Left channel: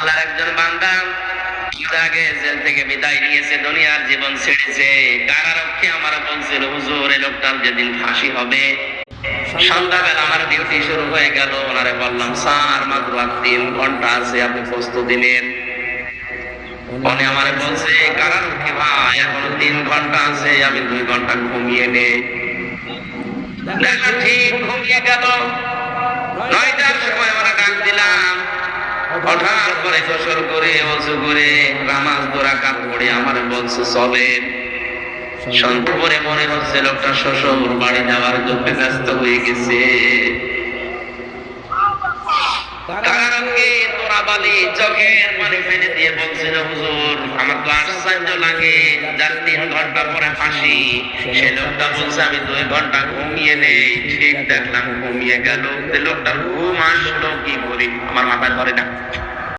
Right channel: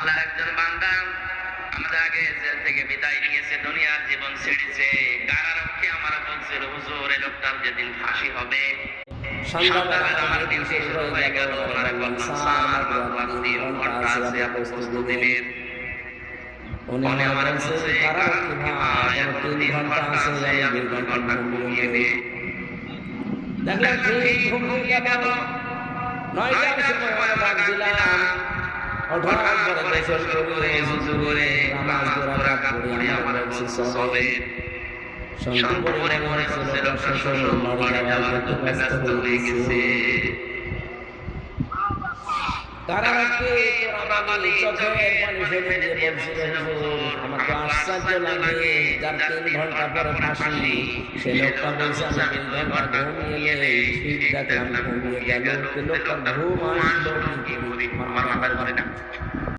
আল্লাহর একজন বান্দা আগে জেল থেকে বিদায় নিয়েছে, দুনিয়ার জীবন ছেড়েছে। কারারক্ষী আমার বলছিল, হুজুর এই লোকটার যেদিন ফাঁসি হবে সন্ধ্যাবেলা আমার ডিউটি শুরু হয়ে গেল। ওনারে বললাম, স্যার মাত্র আর 3 ঘন্টা আছে, আপনি প্রস্তুতি নিন। উনি আমার বলছে, কারারক্ষী ভাই এখন 3 ঘন্টা আছে, আমি 2 ঘন্টা ঘুমিয়ে নেই। দেখলাম ঠিক ঘুমিয়ে গেল। 9টার সময় ডাক দিলাম, হঠাৎ করে শুরু করে ওযু করে নামাজ 2 রাকাত পড়ে আমার বলছে চলেন। সন্তর্পণে মনে হচ্ছে লোকটা শ্বশুর বাড়ি যাওয়ার জন্য ব্যস্ত হয়ে গেছে। কারারক্ষী বাবালি চোখে পানি ফেলে দিয়ে বলছিল, হুজুর আমার ক্লাস লাগে, যার 3 ঘন্টা পরে ফাঁসি, সে লোকটা বলছে আমি 2 ঘন্টা ঘুমিয়ে নেই। ঠিক দেখলাম ঘুমিয়ে গেল। লোকটা ঘুম আসলো কি করি, আমার মাথায় ধরে না।